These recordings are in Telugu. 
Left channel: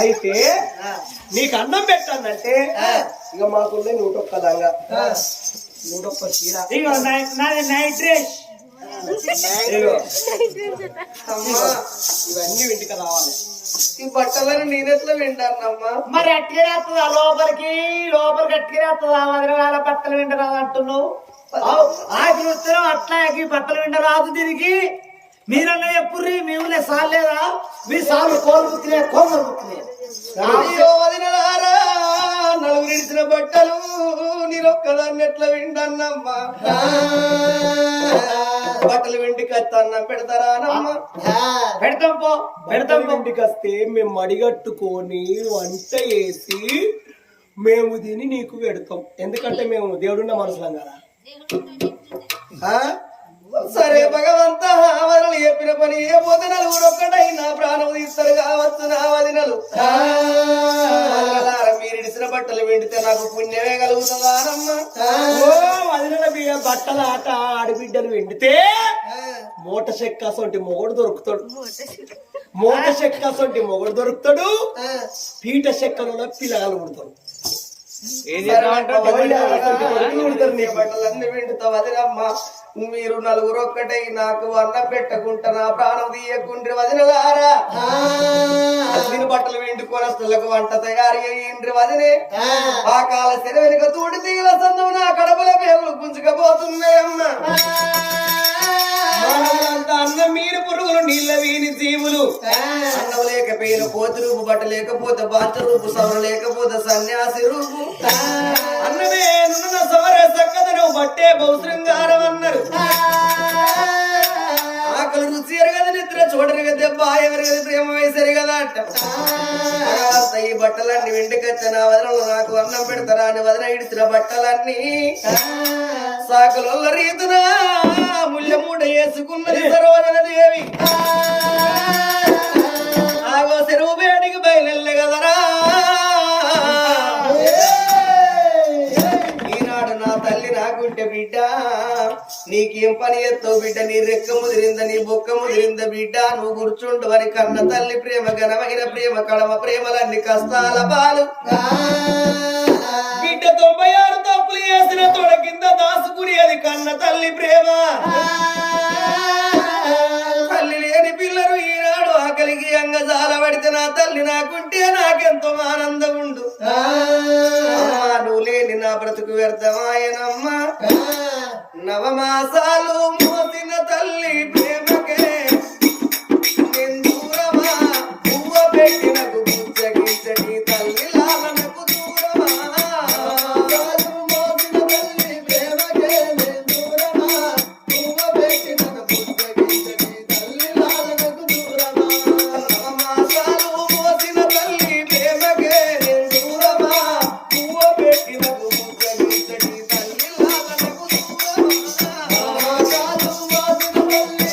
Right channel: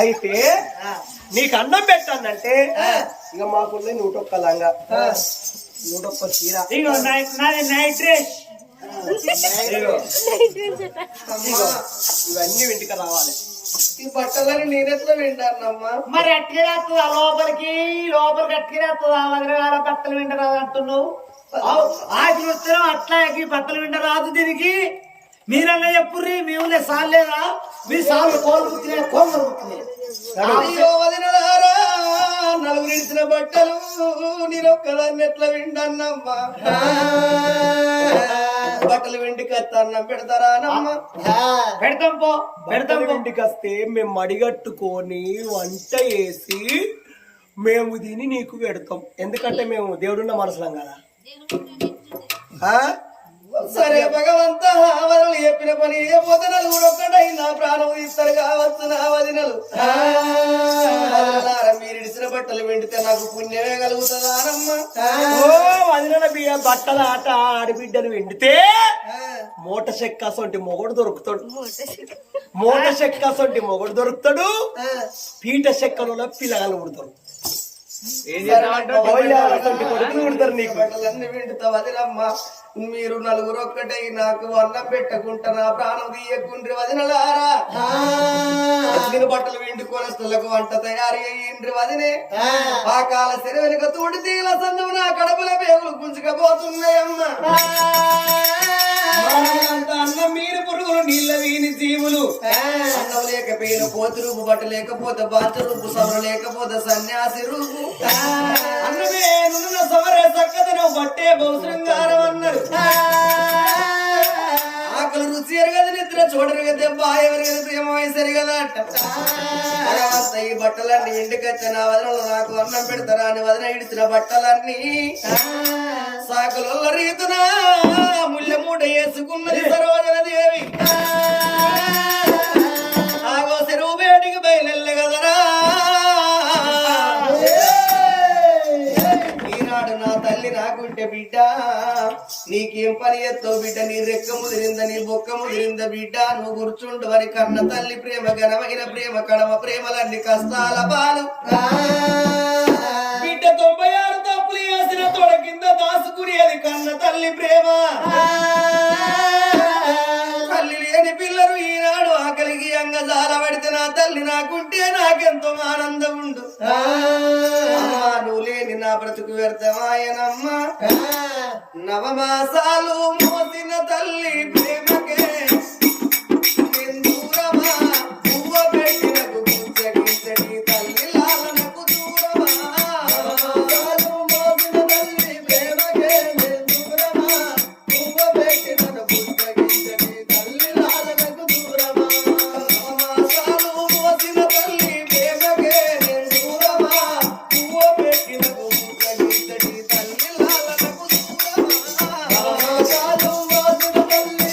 అయితే నీకు అన్నం పెట్టానంటే ఇక మాకున్న 101 లంగా 101 చీర ఇగో నాది నైట్ డ్రెస్. ఇవన్నీ ఇంటికి రావాలి. ఈ బట్టలను నేనెట్లా వింటానమ్మా? మరి అట్టిగా వస్తుందా లోపలికి అట్టిగా వస్తుందా? వదిలేల బట్టలు వింటరాదు అంటున్నావు. ఆకులు వస్తున్నాం అట్లా బట్టలు వింటరాదు. దీనికి మీరన్నా చెప్పుర్రి. మీ ఊళ్ళో సాల్ లేదా? మీ సార్లు కోలు బుక్కిలే కోమలు బుక్కిలే. వదినలారా నలుగురు ఇచ్చిన బట్టలు నేనొక్కదాన్ని ఎట్లా వింటానమ్మా? బట్టలు వెంటికి వస్తాన్నా పెడతారానమ్మా? పెడతాం పో పెడతాం. ఇంటికి వస్తే మేము మడిగట్టుకొని వంట చేసి మేము దీన్ని నీకు పెడతాం. ఎందుకంటే మేము దేవుడున్న మనసులం కదా. సరే భగవంత వదనలు చెప్పిన పని ఏ పోతే నలుగురు ఒక్కటై నా ప్రాణం తీస్తారు కావచ్చు నా వదినలు. మీరు ఇడిచిన బట్టలు వెండితే నాకు పుణ్యమే కలుగుతుందానమ్మా? వదిన బట్టల ఆట ఆడబిడ్డలు వెండితే మూట చెక్కసొంటి మొగడు దొరుకుతాడు. మూట చెక్కసొంటి మొగడు దొరుకుతాడు. పీట చెక్కలలో పిల్లగాలు పుడతారు. కొడుకులు పుడతారు. నీకు బట్టలన్నీ వెండుతా వదినమ్మా. మీరు నలుగురు ఒక్కటై నాకు అన్నం పెట్టకుండా నా ప్రాణం తీయకుండ్రి వదినలారా. నేను బట్టలు వెండుకొని వస్తులకు వంట తయారు అయ్యిండ్రి వదినే. ఆ కాల శర వెనుక తోటి తీగల సందువు నా కడపల పేగులు గుంజుకపోతున్నాయమ్మా. అన్నం మీరు పురుగులు నీళ్ళ వీని జీవులు. అన్నం లేకపోయిన పోతు రూపు, బట్ట లేకపోతే బాచ రూపు, సవర లేకపోతే సన్యాసి రూపు. అన్నమే నున్న సవర చక్కదను బట్టే బహుశృంగారం అన్నారు. ఆకలి రుచి ఎరగదు, నిద్ర చూడరు కదా, దెబ్బ ఎవరిగదు, ప్రేమ వయసరి కదా అంట. ఈ బట్టలన్నీ వెండికొచ్చిన వదనలు నాకు అన్నం పెడతారా అని వదన ఇడిచిన బట్టలన్నీ సాకుల రీతున ముళ్ళ మూట వేసుకున్నది సరోజన దేవి. ఆగో చెరువు బయటికి బయలుల్ల కదరా. ఈనాడు నా తల్లి నాకుంటే బిడ్డ నీకేం పని ఎత్తావు బిడ్డ? నీ రెక్క ముదిరింద, నీ బొక్క ముదిరింద బిడ్డ. నువ్వు కూర్చుండు అని కన్న తల్లి ప్రేమ, ఘనమైన ప్రేమ, కడమ ప్రేమలన్నీ కష్టాల పాలు. బిడ్డ 96 తప్పులు చేసిన తొడ కింద దాసుకునేది కన్న తల్లి ప్రేమ. తల్లి లేని పిల్లలు ఈనాడు ఆకలికి అంగజాల పడితే నా తల్లి నాకుంటే నాకెంతో ఆనందం ఉండు. నువ్వు లేని నా బ్రతుకు వ్యర్థమాయనమ్మా. నవమాసాలు మోసిన తల్లి ప్రేమకే దూరమా, పువ్వ పెట్టినకు గుచ్చగించటి తల్లి లాలనకు దూరమా. నవమాసాలు మోసిన తల్లి ప్రేమకే దూరమా, పువ్వ పెట్టినకు గుచ్చగించటి తల్లి లాలనకు దూరమా. నవమాసాలు మోసిన తల్లి ప్రేమకే దూరమా, పువ్వ పెట్టినకు గుచ్చగించటి తల్లి లాలనకు దూరమా. నవమాసాలు మోసిన తల్లి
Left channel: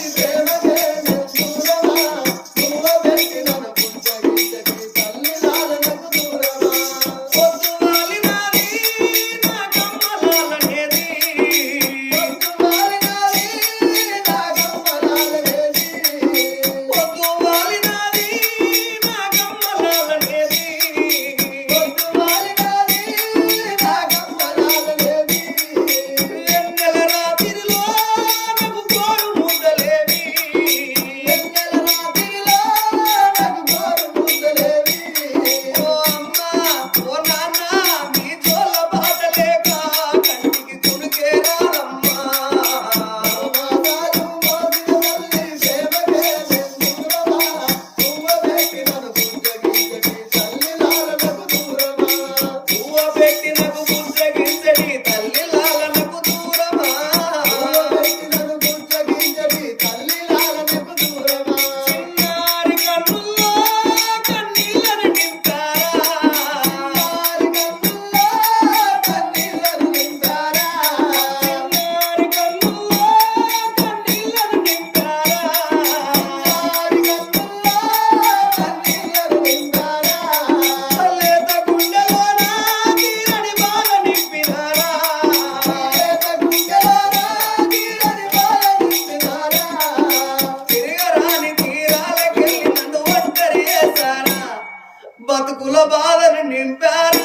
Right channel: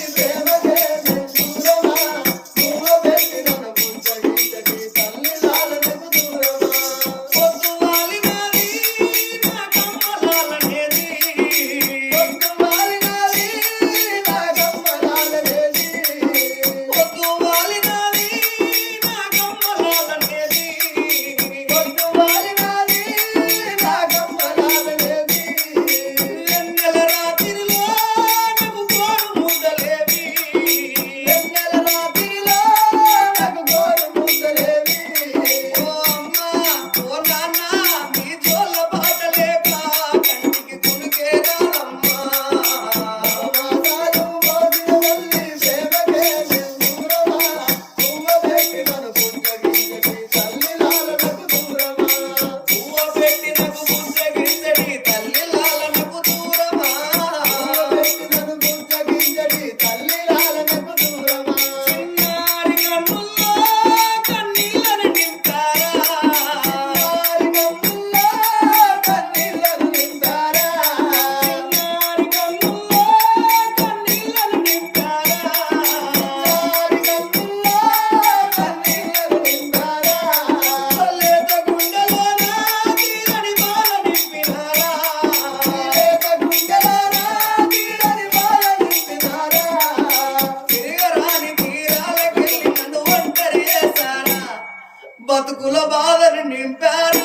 కొడుకుల బాధను నింపారా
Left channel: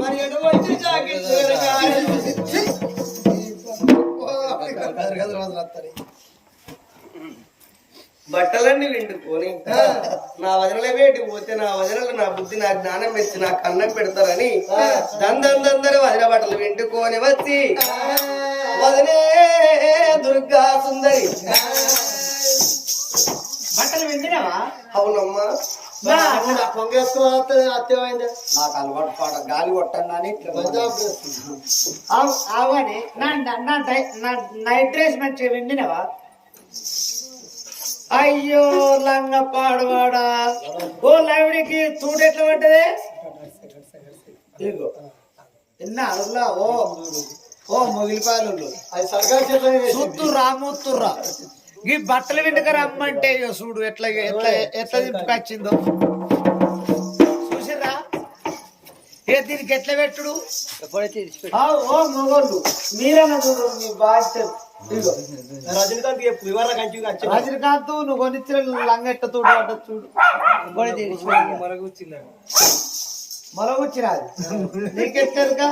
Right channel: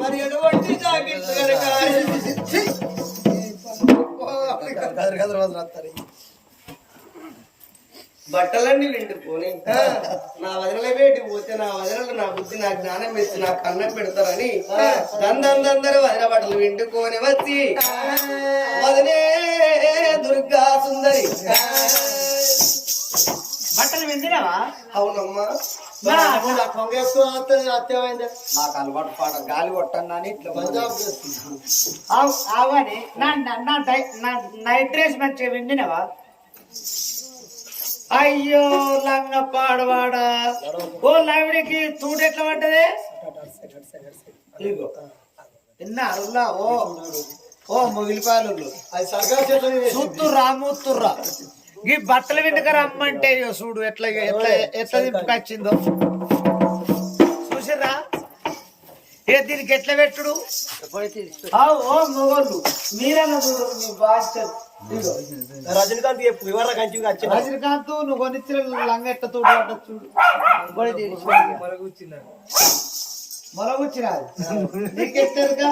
మరి ఎటువంటి జాకెట్ బట్టలన్నీ విండుకొని నా వదనలే వేటి పోతే నా వదనలు నా బుద్ధి నా జ్ఞానం పెట్టి నా కన్నం పెడతారని దందరూ వదిన బట్టలు విండుకొని వచ్చి వదనే దుర్గా సుందరి బట్టలు విండినావా? అవునమ్మా. అత్యమైంది నాకు అలవాటు పాట గాలి కొట్టన్నాని అవని నా నైట్ డ్రెస్ మంచిగా విండినవా? అయ్యో లంగ పాడవాడా ఓ లవిడికి తూడు ఎట్లా పడ్డదే విన్నారులా? ఓ మొగిలిపాయలు చూస్తుర్రా మూతుర్రా ఈ బట్టలు విండుక రమ్మంటే చూడు ఎట్లా ఎట్లా ఎట్లా దింపుకొచ్చిందో చూసిర్రా? దీనికి ఎట్లా పెట్టుడు? ఓ మొగోళ్ళు మీరన్నా చూడు మీ బాధ్యత. రజనీకాంత్ రజనీకాంత్ నువ్వు కొనిచ్చిన లంగ ఎట్ట తోడు పడ్డ చూడు. మరొచ్చిరాదు నీకెట్టారుగా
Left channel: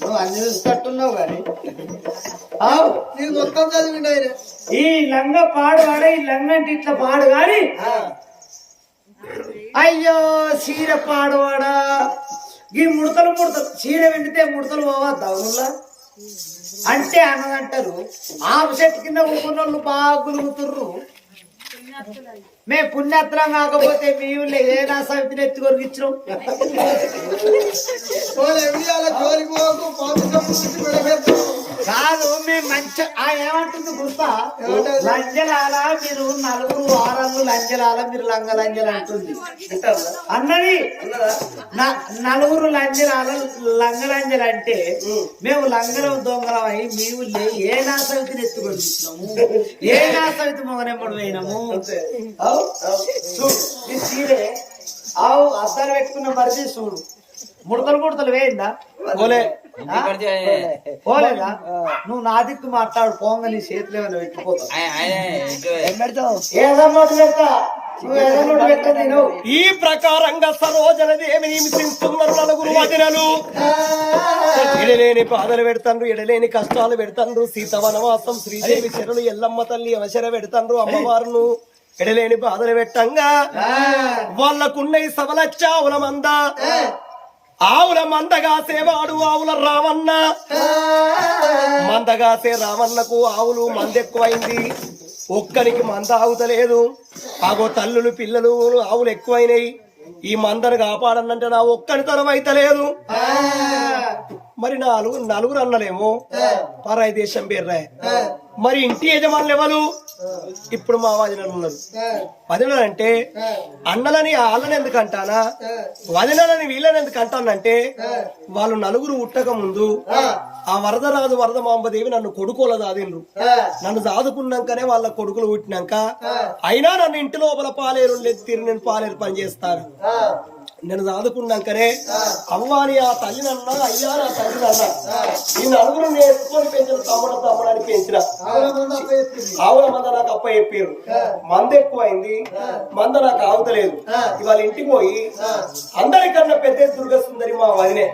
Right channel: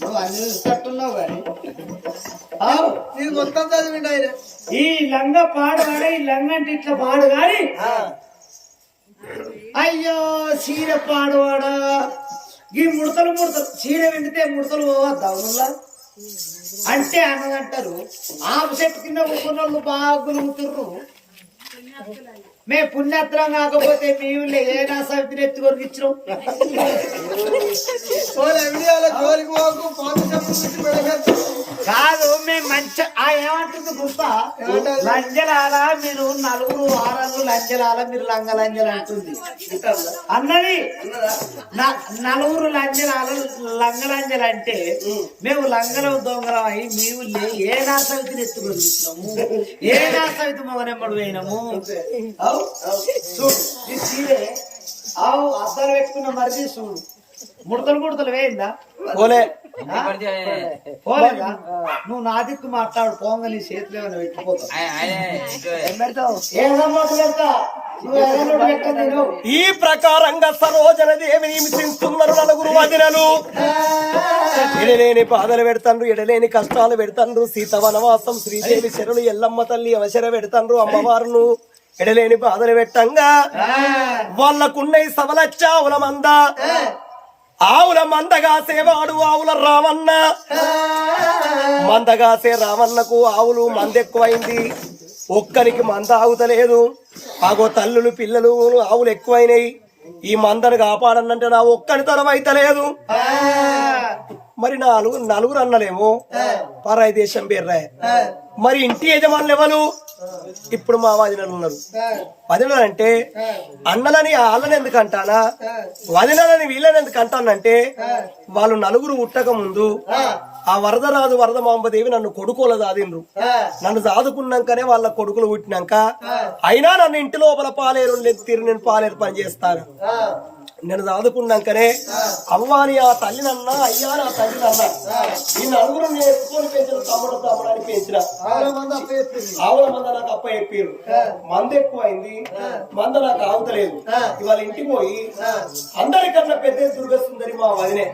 నువ్వు అన్ని చూసేటట్టున్నావు కానీ మొత్తం చదివిండు ఆయన. ఈ లంగ పాడువాడ ఈ లంగ అంటే ఇట్లా పాడు గాని అయ్యో చీర పాడువాడా ఈ ముడతలు చీర వెండితే ముడతలు పోవద్దా అవునులా అంటే అన్నదంటారు. ఆపు చెట్టు కింద కూర్చున్న వాళ్ళు బాగా గులుగుతుర్రు. మేము పుణ్యాత్రం కాకపోతే మేము ఏనా సమితిని ఎత్తి కొరికిచ్చినాం. కాదు మేము మంచి ఏమంటుంది గుర్తా? లంజలాల మీరు నలుగురు వారాలు లంజలాల మీరు లంగ లంజలు అంటుంది అన్నది. నలుగురు లంజలాల లంగ లంజలు అంటే మేము లంగలం దొంగలం అయి మేము ఏ నా సమితిని ఎత్తి కొరికిచ్చినాము, ఏ నా సమితి మొగనెమ్మడు పోయినాము. చూడు ఈ చీరే అవు అద్ద అద్దాలు పెట్టుకున్న మరిది చూడు ముడతలు వేయిందా పోలే పోలేదా నువ్వు నా దిక్కు మాట్లాడు పోంగ నీ చేతిలో ఏమైనా పెట్టిపోతావు ఏ సమ్మతం పెడతా నువ్వు ఎర్రనోటు పెట్టది నువ్వు ఈ ప్రకారంగా సరోజన దేవిని హింసిస్తున్నారు నలుగురు వదినలు. ఎడలేని బాధలు పెడతాండ్రు, ఎడలేని కష్టాలు పెడతాండ్రు. సీత వనవాసం, శ్రీదేవి శరణు, ఎల్లమ్మ తల్లి అవసర పెడతాండ్రు. అమ్మవారును ఎడలేని బాధలు పెట్టంగా వాళ్ళకున్న ఈ సవలచ్చ ఆవుల మంద, ఆవుల మందగాసేవాడు ఆవుల రావన్న. మందగాసే రావన్నకు ఆవులు మందెక్కువైంది, ఒక్కరికి మంద ఆగుతలేదు. ఆగో తల్లులు పిల్లలు ఆవులు ఎక్కువైనాయి. ఈ మందను కాపాడనంటే నా ఒక్కడి తరం అయితలేదు. మరి నలుగురు అన్నలేమో పరాయి దేశం పేర్రాయ. మరి ఇంటి యజమానులు ఎవరు? ఇప్పుడు మా వదినలు ఉన్నారు. వదినలు అంటే అన్నలని వాళ్ళని ఎందుకు అంటానా, వదినలని వీళ్ళని ఎందుకు అంటానంటే వాళ్ళు నలుగురు ఉట్టక ముందు ఆ వరదరాజు వరదమాంబదేవి నన్ను కొడుకోల దాదిండ్రు. నన్ను దాదుకున్నాకనే వాళ్ళ కొడుకులు పుట్టినాక అయినా నన్ను ఇంటి లోపల పాలేరు తీరు నేను పాలేరు పని చేస్తాను. నేను దాదుకున్నాకనే అవ్వాని ఆ తల్లినన్నా, అయ్యా నా తల్లినన్నా, ఈ నలుగురు నేర్చుకొని పెంచిన తమ్ముడని పెంచిన. ఆవుల మంద నాకు అప్ప చెప్పారు. మంద ఎక్కువైంది, మంద నాకు ఆగుతలేదు. ఇవాళ ఇంటికి పోయి అందరికన్నా పెద్ద దుర్గసుందరి మా వదినే.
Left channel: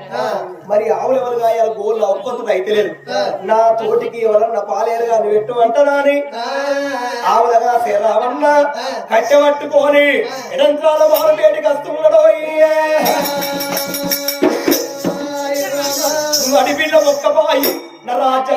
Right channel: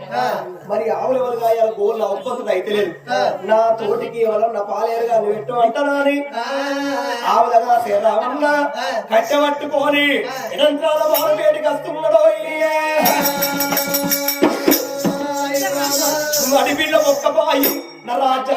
మరి ఆవులు ఎవరు గాయాలి గోళ్ళు ఒక్కొక్కరు అయితలేదు. నా తోటికి ఎవరన్నా పాలేరుగా పెట్టు అంటనాని ఆవులగా రావన్నా కట్టెబట్టుకొని ఎడంకాల బాలు వేడికి వస్తున్నాడో అడిపిల్ల ఒక్క బాయి నా రాజా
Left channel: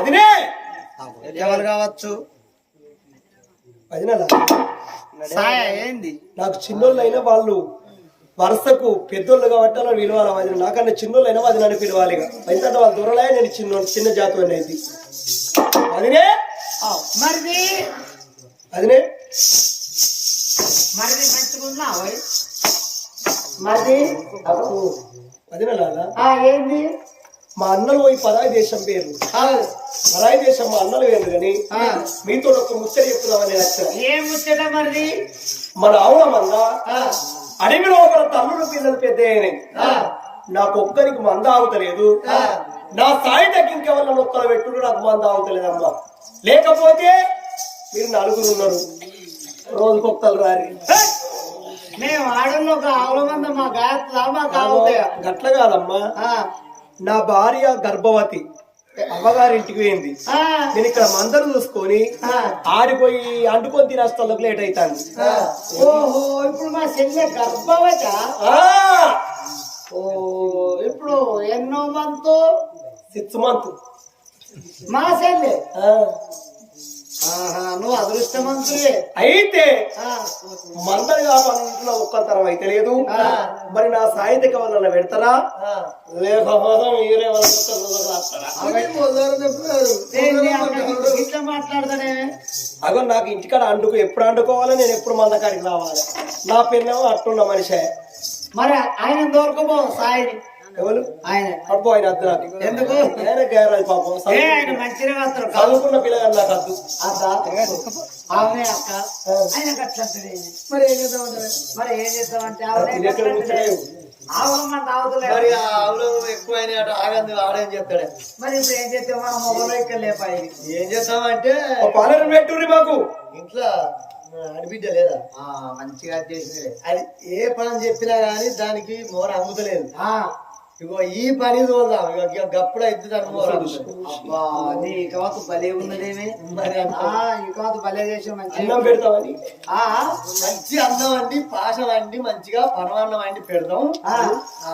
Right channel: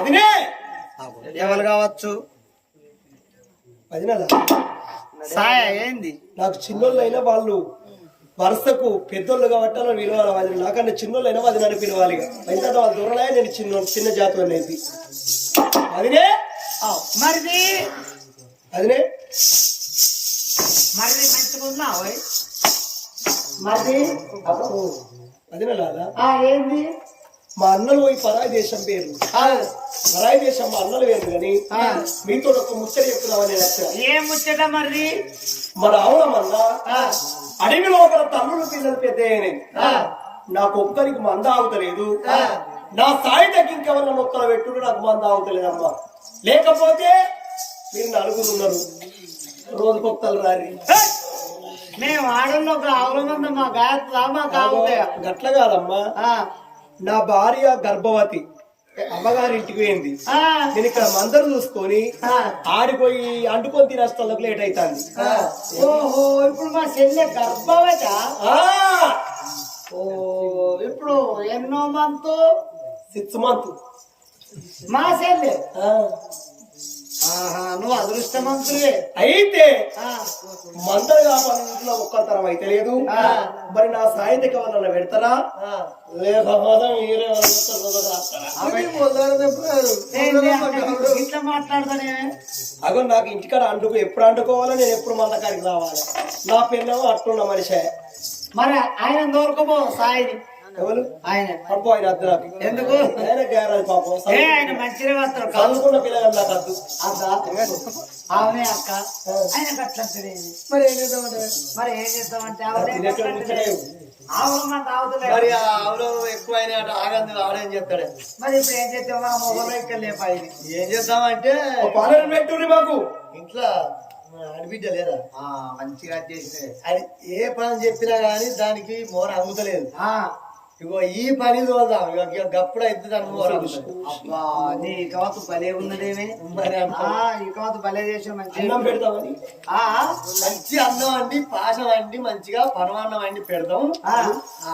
అదినే ఎవరు కావచ్చు సాయ ఏంది? నాకు చిన్నోళ్ళైనా వాళ్ళు వరుసకు పెద్దోళ్ళు కాబట్టి నన్ను పిలవాలి. అది నాకన్నా చిన్నోళ్ళైనా అది నన్ను పిలవాలి. ఎందుకంటే వాళ్ళ దూరలే నేను చిన్న జాతి అయితే అదినే మరిది అదినే మరిది మంచిగున్నా మరిది అదినేలాగా ఏంది? మా అన్నలు పోయి పరాయి దేశం పేరు, పరాయి దేశం మా అన్నలు వేరు కానీ మీతో ఒక ముచ్చట చెప్తున్నామని నచ్చ. ఏం ముచ్చట మరిది? మన ఆవులమన్నా అడవి లోపల తల్లుడు పిల్లలు పెద్ద నాకు ఒక్కరికి మంద ఆగుతలేదు. నా స్థాయి తగ్గి ఇంకెవరన్నా ఒక్కరు పెట్టుడు నాకు మంద ఆగుతలేదమ్మా. లేకపోతే మీరు నలుగురు ఉన్నారు, రోజుకొక్కరు రారి. మేము ఆడల్లో ఒక ఆవుల మంద మా గాయత్రా మాకు ఆగుతాయా? గట్ల కాదమ్మా, నా భార్య గర్భవతి అమ్మగారి ఇంటికి పోయింది. నేను ఇక్కడ మందరు చూసుకొని ఆడిపోయి అంటుకొని తినేస్తాళ్ళకి లేట్ అవుతాను. ఓహో, ఇప్పుడు మా చెల్లె గర్భవత. ఓ, ఇప్పుడు ఎన్నో మంత్? 6 months. మా చెల్లె నువ్వు అదృష్టవంతులే. అయితే ఆ, మందరు కావాలన్న ఒక్కతరం అయితే లేదు. మరి నా సాహిత్యక వల్ల పెడతారా లేకపోతే మీరే ఏంది అక్క ఇట్లా మాట్లాడతానే? అగో నాకు ఇంటికాడ అంటుకు ఎప్పుడు అంటుకోవాలి, నేను ఎప్పుడు మంద కాడికి రావాలి. నా పెన్నేమో అట్టున్న మనిషి. మరి ఆయన దొరకపో సాయిని. ఎవరు ఆయన అబ్బో ఆయన అద్దు నాకు. ఎందుకు? ఆయన గేరాలి పాపం. ఆయన మంచిగా వస్తారు చదువుకున్న పిల్లలు నాకు అద్దు. అవునే అక్క. ఆయన గట్లంటే మరి ఏం చేద్దామంటే మరి ఏం చేస్తామంటే ఆవునే గట్లంటే ఆవులమ్మ తాగుతలే. మరి ఆ ఆవులు ఎక్కువైనా ఆగంది ఆడేం చెప్తాడే. మరి ఇప్పుడు ఏం చేస్తాం? మన మొగలు ఇక్కడ లేపాయి. ఏం చేద్దామంటే పాలన పెట్టుర్రి మాకు. ఇంట్లో అడిబిడ్డ లేదా మంచిగా చేసినవి. అది ఏ పని చెప్పినా గానీ దానికి మోర అందుతలేదు. ఆ, ఇగో ఈ పని చూద్దాం. ఇక గప్పుడు అయితే దాని మోర అందుతుంది. అబ్బా నీ ఇకవతు భలే ఉన్నదేమే. మరి ఇకవతు భలే చేసిన మంచి అన్నం పెడతామని మంచి అన్నం వండి పాశం వండి మంచిగా పరమాన్నం వండి పెడదాం.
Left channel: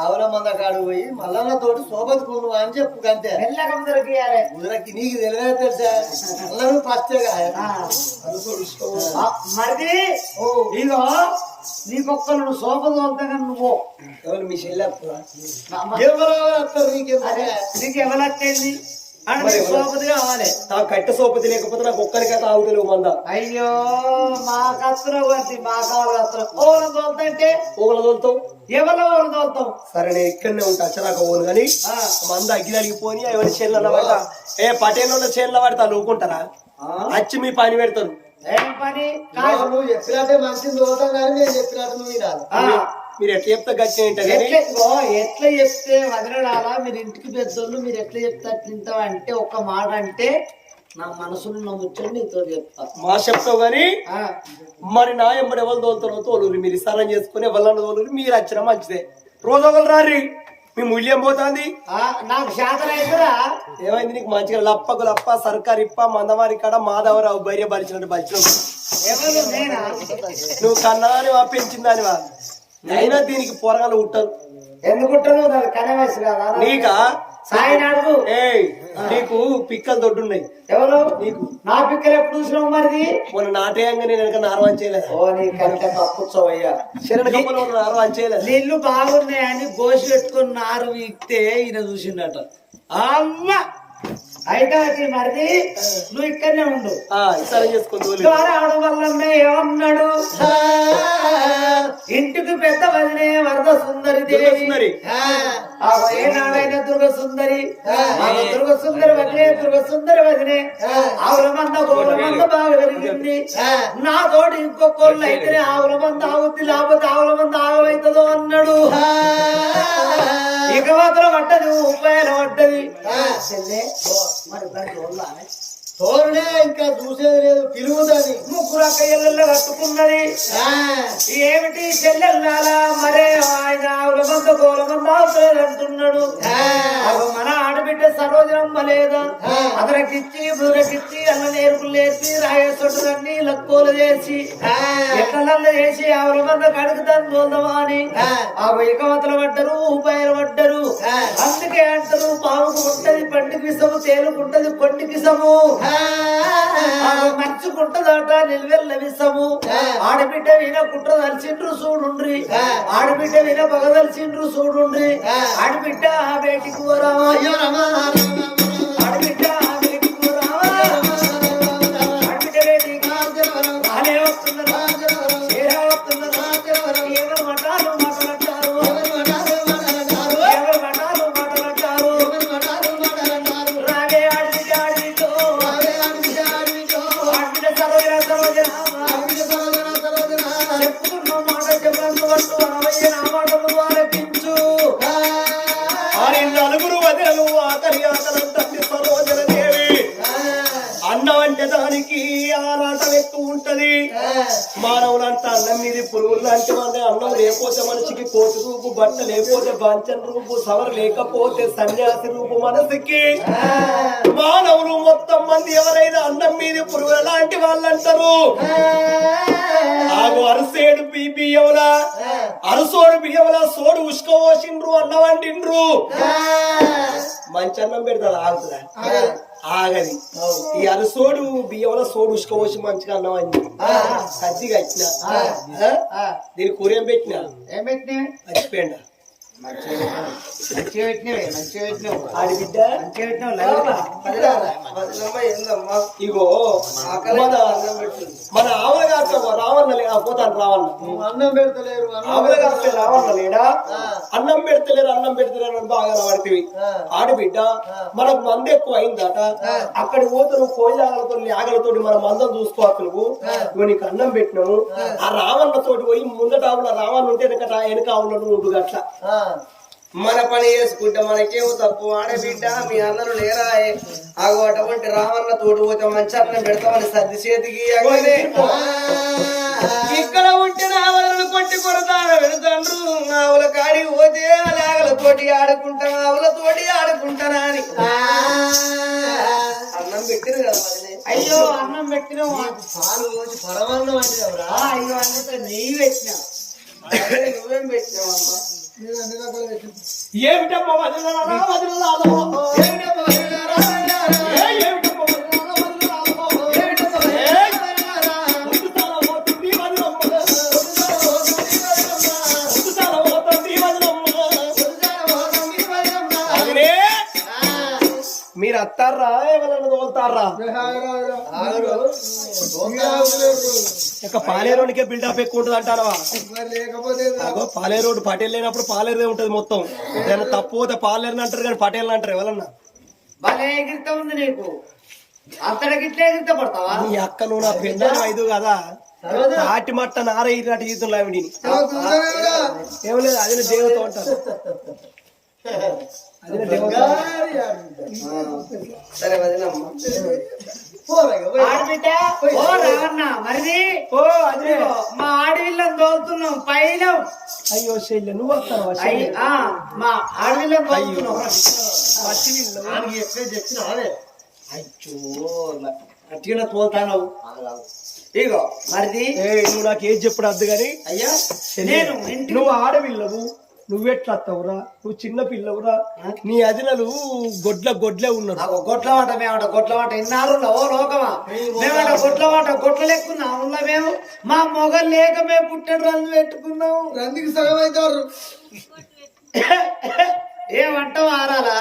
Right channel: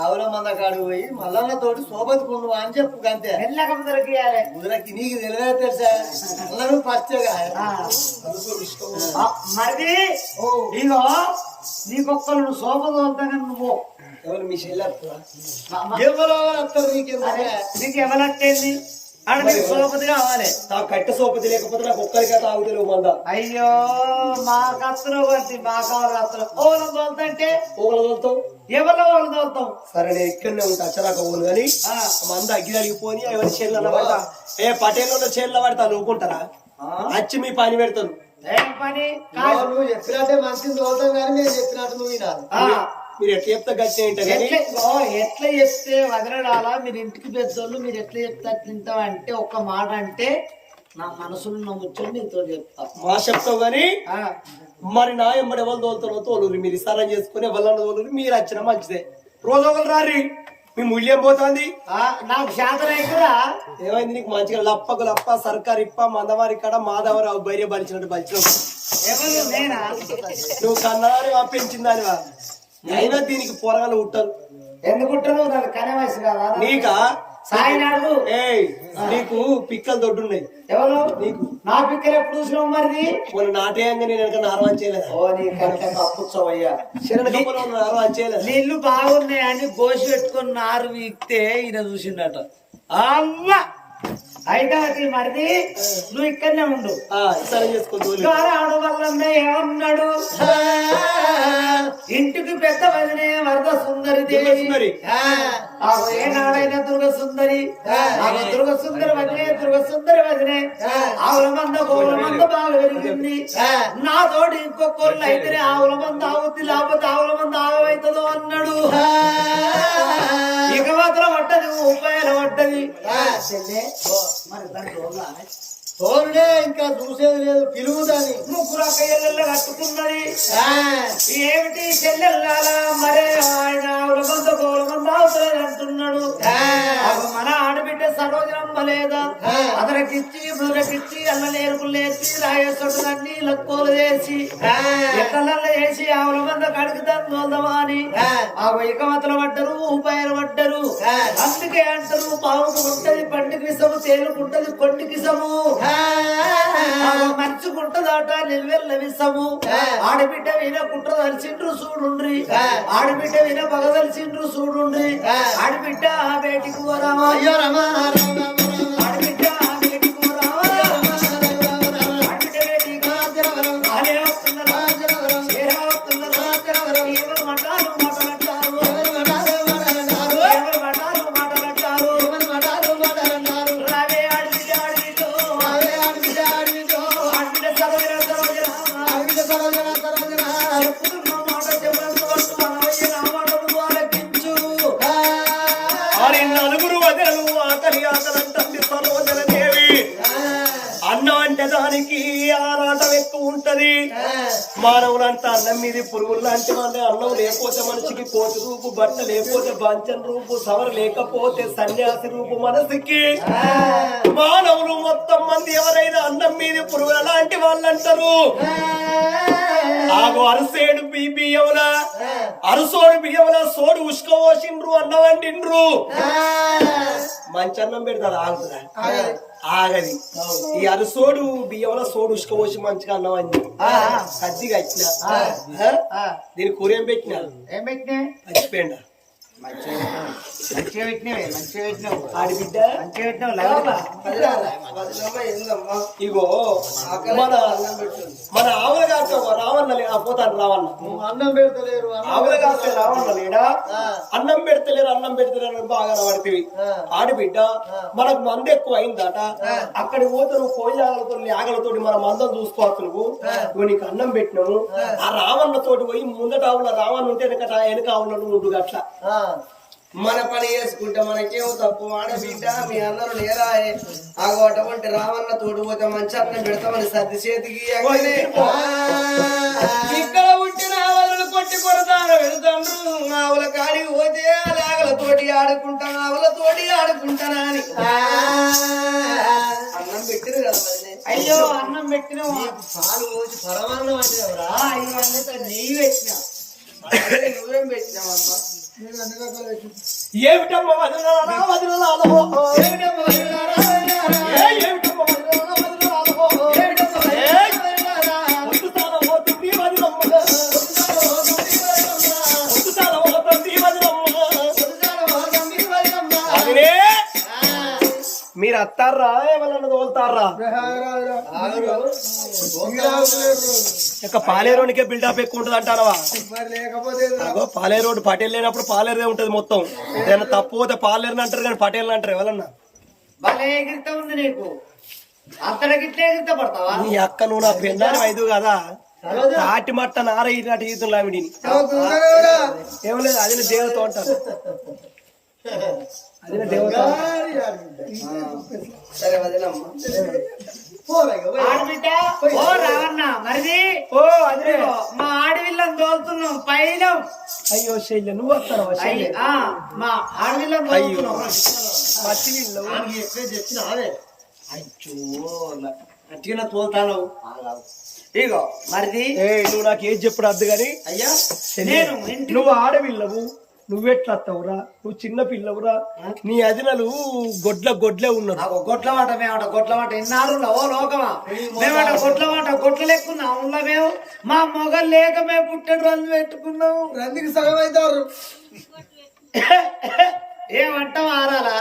ఆవుల మంద కాడు పోయి మల్లన్న తోటి సోబతుకుండు అని చెప్పు అంతే. మెల్లకం దొరికియాలి. ముదరకి నీకు తెలియదు తెలుసా? మళ్ళీ ఫస్ట్గా మరి ఇగో నీకొక్కరు సోప తోలుతాగా నువ్వు ఎవరు మీ చెల్లె ఎవరో వస్తారు నీకేం నీకు ఎవరట్టేంది అంటే నీకు సోపతి కావాలి. నాకు కట్ట సోపతి లేకపోతే నాకు ఒక్కరికైతే ఆగుతలేవు మంద. అయ్యో మా కత్తులో కొట్టి మా కావాలి కత్తులో ఓలను తోలుతాంటే ఓగల తోలుతావు. ఎవరిలో ఓలు తోలుతాం? సరే నేను ఇక్కడనే ఉంటా అచ్చరాక ఓను కానీ మంద అగ్గిలిపోని ఎవరి చేనుల పడతా పటేళ్ళ చేనుల పడతా నూకుంటారా? వచ్చి మీ పని పెడతాను. ఏం పని కాదు. నువ్వు చెప్పినట్టే మంచిని తోలుతాం కానీ మేము చెప్పినట్టు నువ్వు వినాలి. మీరు ఎట్లా చెప్తే గట్టి ఏంటంటే ఎట్లా చెప్తే వదలడాలా? మీరు ఇంటికి పెద్దోళ్ళు మీరు ఎట్లా చెప్తా తింటాం అంటే ఒక్క మాట అంటే నా మనసులో నా ముచ్చని నీతో చెప్తా. మా చెప్తావు గాని మరి నా ఎంబడి ఎవరు తోలుతారో తోలురి. మీరు సరం చేసుకుని ఎవరు తోలురి. మీరు వచ్చినా మంచిదే. రోజు ఒకరు రారి. మీ మూల్యం పోతుంది. నాకు శాతం అయిపోరా. ఏమైంది నీకు? మంచిగా లప్పకు లప్ప సర్కారు ఇప్ప మందవారి కాడ మాధవరావు భార్య బలిచినట్టు బలిచినావు. ఎవరు నేనా? నువ్వు కన్నదానివా పెంచిందానివా? అయినా దీనికి పొరగాలు ఉంటారు. ఎందుకుంటాను? నాకు కనే వయసు కదా నీకా? సాయి అడుగు. నీకు పిక్కలు దొడ్డున్నాయి. ఎవరు? నీకు. నా పిక్కలు ఎప్పుడు చూసినావు? మరి మొన్న నాటేయంగా నేను వెనక నారవాన్ చేయలేదు. ఓ నీ కంటే కప్పుచ్చోయ్యా. నారవాన్ చేయలేదు. నీళ్లు బాగున్నాయని గోసి పెట్టుకుని నారు వీక్తే ఈయన చూసిండట. అమ్మ అయితే అది మరిది నువ్వు ఇక్కడనే ఉండు. సరే చేసుకో. ఆడు వల్ల ఏమన్నాడు? ఇంటికి పెద్ద వదినే వరద సుందరి దేవి. ఏనాడైనా దుర్గ సుందరి దుర్గ సుందరి వదిలే దుర్గ సుందరి వదిలే ఆవుల మంద గోవుల మంద బాగా పెరిగింది. నా తోటి ఇంకొకళ్ళు అయితేనే ఆవుల మంద ఆగుద్ది, లేకపోతే ఆవుల మంద ఆగమవుతుందో అన్నాడు. ఇక మాత్రం పడ్డది ఉపాయాలు పడ్డది. మరి దాని తోరునే ఇంకా చూసేది లేదు. పిలువుదని ముగ్గురు అక్కయ్యల్లో కట్టుకున్నది. ఏమిటి చెల్లెల్లాలా? మరే ఆయన ఆవుల మంద గోవుల మంద ఆవుతలేదు అంటున్నాడు. మన ఆడబిడ్డ సరోజనమ్మ లేదా? అదరకిచ్చి బుదరకిచ్చి అల్ల నేర్పులు నేర్పి రాయేసొట్టుదన్ని లక్కువలు చేసి ఎక్కలల్లో వేసి ఆవుల మంద కడుగుతాను తోల్దామా అని ఇకవతలు పడ్డరు, ఉపాయాలు పడ్డరు. అందుకే అంటారు పావుకు ఉంటది పండికి విసము, తేలుకుంటది కొండికి విసము, మంచుకుంటదాట నిల్వెల్ల విసము. ఆడబిడ్డ విన కుట్ర దలిచిండ్రు చూడుండ్రి, ఆడబిడ్డ విన పగదలిచిండ్రు చూడుండ్రి. ఆడబిడ్డ బయటికి పోరామా, ఆడబిడ్డ బయటికి పోరామా, ఆడబిడ్డ బయటికి అనే వస్తున్నారు, వస్తున్నారు. ఎవరు మటాలు మాటలంటారు, ఎవరు మటాలు మాటలంటారు. రావే ఆడబిడ్డ ఆడబిడ్డ చెప్పుతున్న మాట చెప్పందు పట్టు అనవయ్య నా మాటలు ఆలకించు. నలుగురు వదలు ఆకలి ఆకలంటే సరోజన దేవి. అన్నం అంటే దానికి ఆరాటం ఎక్కువ ఉంటది. మానవులంతా అన్నం మీద పురుగులు లాంటి వాళ్ళే. అన్నం లేకపోతే మనిషికి కోతి రూపు, బట్ట లేకపోతే బాంచన్ రూపు, సవరు లేకపోతే సన్యాసి రూపు మనసుకి. మానవులు మొత్తం మంది ఎవరైనా అన్నం మీద పురుగుల లాంటి వాళ్ళు అంటారు. ఆగు అరిసేడు బియ్యములా, అరుసోడు బియ్యములా సోడు ఉష్క పోసిండ్రు, అన్నం వండిండ్రు. మంచి అన్నం పెడతారు ఆగుతుందా ఆగది ఈ అరసోడు బియ్యంలో సోడు ఉసుకపోసి మంచిగా అన్నం అయింది సద్దిగా ఇచ్చిన దీని కూర ఏం పెట్టినా ఏం పెట్టినావు మర్చిపోయిందా మంచిగా పెట్టినావే మంచిగా పెట్టినావు ఆడిబిడ్డ మంచిగా పెట్టినావు లైవ్గా. వదినమ్మ ఏందమ్మా ఇగో మన ఆవుల కాస్త రావన్న పోతాను రావన్న అన్నం పెడతలేరు ఆవుల కాస్త రావన్న లేడా అన్నం పెడతలేరు అని బాగా పడితే ఆడబిడ్డ మనకు మంద ఎక్కువ అయిందట అక్కడికి పోతే నువ్వు కోయిలాగలతో ఆగలతోటి మన మందం చూసుకోవచ్చు నువ్వు నీకు అన్నం పెట్టినాము ఆ రావన్న తోటి పోయి ముందట ఆవుల రావన్న ఉంటే వెనక ఆవుల నువ్వు ఉండు అట్లా మన పని చేసుకుంటే మనకేమో తప్పు ఆడబిడ్డ మీ అందరూ లేరాయే ఆగో అటువంటి రావన్న తోడు పోతే మంచి అన్నం పెడతామని సర్ది చేతికి అగనే. ఇక్కడ ఉంటే ఆవులను కొట్టి కొడతాను వెళ్తాండ్రు ఆవుల కాడికి పోతే ఆవులతోటి ఆడుకుంటానా అని అన్నం పెట్టిరు కదా వదినే. అయ్యో అన్నం పెట్టినావు పాలు పోసి పరమాన్నం వండినవరా అయ్యో అందుకే నెయ్యి పెట్టినావు నువ్వేం పెట్టినావమ్మా ఏమిటమ్మా వదిలాలా వదిలాలో ఏమిటమ్మా వదిలారా? ఏమిటమ్మా వదిలాలా వదిలాలో ముందుసాల పోతుంది వదిలమ్మ ముందుసాల పోతుంది వదిలమ్మ అదినే మీరు అత్తారా ఏమన్నా తోలుతారా ఇక పాలేరోనికే బిల్డప్ ఎక్కువ ఉంటుంది అంటారవా అగో పాలేరోడ్ పటేల్ లేనప్పుడు పాలేరుదే ఉంటది మొత్తం ఏదైనా తప్పు పోతే పాలేరుని అంటారు కానీ పటేల్ అంటారు ఎవరన్నా భలే ఎగిరిత ఉంది నీకు అంతటగిట్లే ఎగిరిత పడతావా నీ అక్క నువ్వు నా పెళ్ళాను ఐదు కదా తాటి మట్ట నార ఇలాంటి జీవితంలో ఆవిడిని ఏం లేదు అదిన దేవత అంటారు అదిన దేవత సరే వదినమ్మ ఆడబిడ్డ ఓ రావన్న మరిది ఓ అదినే మా ఆడవిల్లని తోలుతున్నాం పైలం అయ్యో శైల్య నువ్వు వస్తాను మా ఆడవిల్లని తోలుతున్నాం అయ్యో అట్టిగా తోలుతాను ఇగో మరిది నువ్వు నాకు ఏది చెప్పుడు అద్దు గాని అయ్యా శల్య, నేను ఇంటి నువ్వు ఆడపిల్లవు నువ్వెట్లా వస్తావురా నువ్వు చిన్న పిల్లవురా నీ అదినలు గొడ్లే ఉన్నారు నాకు గొడ్ల మాట మేమంట గొడ్ల మాట ఇన్నారు ఓ లోకమా మేమంట గొడ్ల మాట గొడ్ల లెక్కున్నాం ఉన్నా మేము మా మొగలు లేక మేము పుట్టడు రంగు పెట్టుకున్నాం రందికి సగం అవుతారు ఏమంటావు ఆరాలా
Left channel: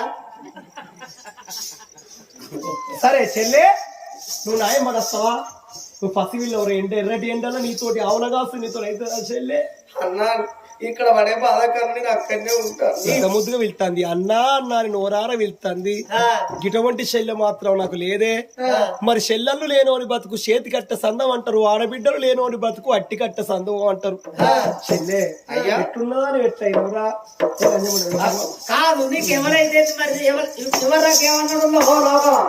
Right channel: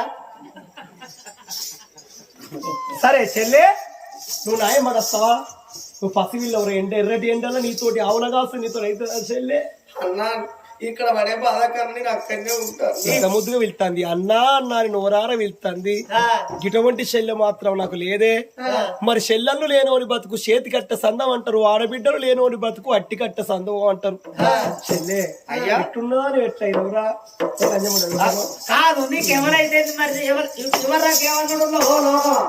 సరే చెల్లె నువ్వు నాయం పడస్తావా నువ్వు పసివిల్లవరు ఎర్రటి ఎండలో నీతోటి ఆవునగాసు నీతో అయితే చెల్లె అన్నా ఇక్కడ పడే బాధ కన్నా నేను అక్కడనే ఉంటాను ఇంత ముద్దుగా వెళ్తాంది అన్నా అన్నా అని నోరార వెళ్తాంది ఇటువంటి శల్య మాత్రం నాకు లేదే మరి శల్యలు లేనోని బతుకు చేతి కట్ట సందం అంటారు ఆడబిడ్డలు లేనోని బతుకు అట్టి కట్ట సందం అంటారు చెల్లె ఎట్టున్నదా అని ఎట్లయినవరా కాదు నీకు ఎవరైతే మరి ఎవరాకేమన్నాడు ఓ లోకమా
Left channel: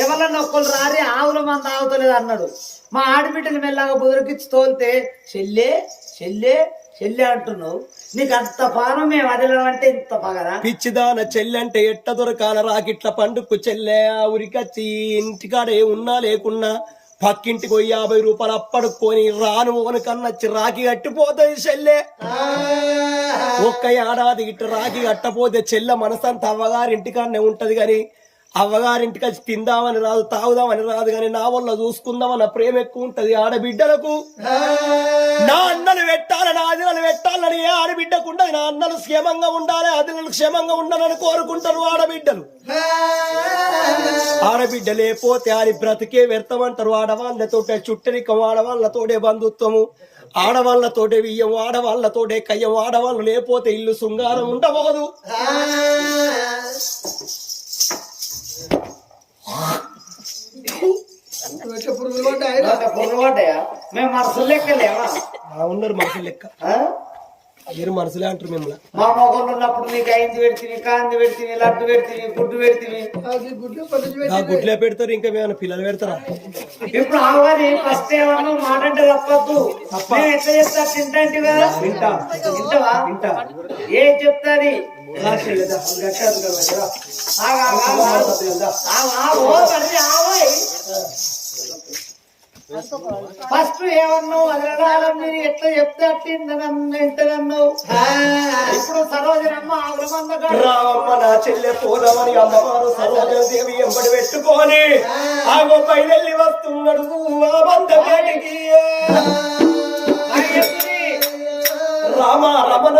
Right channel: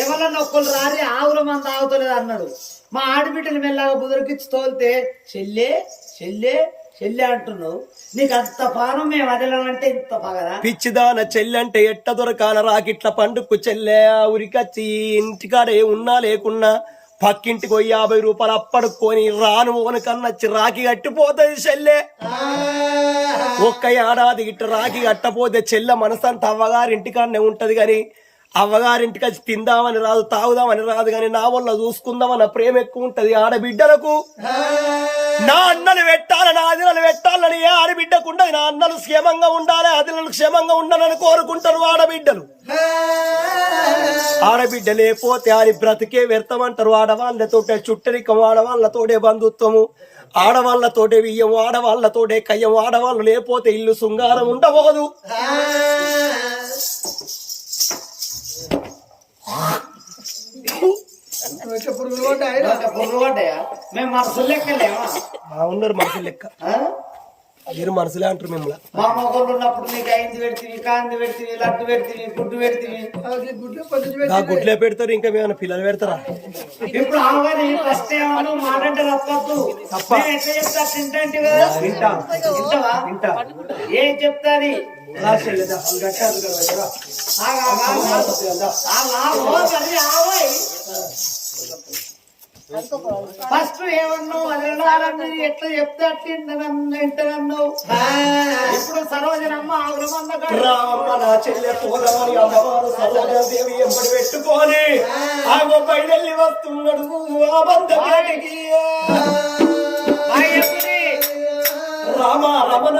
ఎవరన్నా ఒక్కరు రారే ఆవుల మంది ఆగుతలేదు అన్నాడు మా ఆడబిడ్డలు మెల్లగా బుదరికిచ్చి తోలితే చెల్లె చెల్లె చెల్లె అంటున్నావు నీకు అంత పానం మేము వదిలామంటే ఇంత పగరా పిచ్చిదాన చెల్లె అంటే ఎట్ట దొరకాల రాకిట్ల పండుగకు చెల్లె ఉరికచ్చి ఇంటికాడ ఉన్నా లేకున్నా పక్కింటికి 50 రూపాయలు అప్పడుకొని రాను ఓను కన్నచ్చి రాకి కట్టిపోతుంది చెల్లె ఒక్క ఏడాది ఇట్టు రాకి కట్టపోతే చెల్లె మనసంతా అవ్వగారింటికాడనే ఉంటది గాని అవ్వగారింటికి వచ్చి తిందామని రాదు తాగుదామని రాదు గాని నా వల్ల చూసుకుందామన్న ప్రేమ ఎక్కువ ఉంటది ఆడబిడ్డలకు నా అన్నలు పెట్టాలి నా అదినలు పెట్టాలని ఏ ఆడబిడ్డకు ఉండదు నా అన్నలు క్షేమంగా ఉండాలి అదినలు క్షేమంగా ఉండాలని కోరుకుంటారు ఆడబిడ్డలు ఆడబిడ్డ లేకపోతే ఆడి బ్రతికే వ్యర్థమంటారు ఆడవాళ్ళతోటే చుట్టరికం ఆడవాళ్ళతోటే బంధుత్వము ఆడవాళ్ళతోటే బియ్యం ఆడవాళ్ళతోటే కయ్యం ఆడవాళ్ళు లేకపోతే ఇల్లు శృంగారం ఉండబోదు పురుగులు పడ్డాయి పురుగులు పడ్డాయా మేము మనసులు లెక్కలేమా బాగున్నారు మనుషులు లెక్క మీరు మనసులే అంటారు మిమ్మల్ని మా మొగలు ఉన్నప్పుడు నీకు అయింది పెడితే కాంది పెడితే లడ్డు పెడితే గుడ్డు పెడితే గుడ్లే పెడతారు ఇంకా మేము పిల్లలు పెడతారా ఇప్పుడు ఆవాలి ఫస్ట్ ఏమన్నా మాట అంటే తప్పద్దు మేము ఎట్లా చెప్తా తింటాంటి కదా తింటావా ఏం చెప్తాది ఫస్ట్ ఏమన్నావు వదిలాల మీరు ఎట్లా చెప్తే అట్టిందనన్నావు. ఇప్పుడు సరోజనమ్మ ఆవుల మంద రామమ్మ నా చెల్లె పోదామని అమ్మవారు సరోజాదేవి ఎంబడి పెట్టుకొని ఆగో బయలుల్లి వస్తున్నాడు ఆ బంధకి రామ రమణ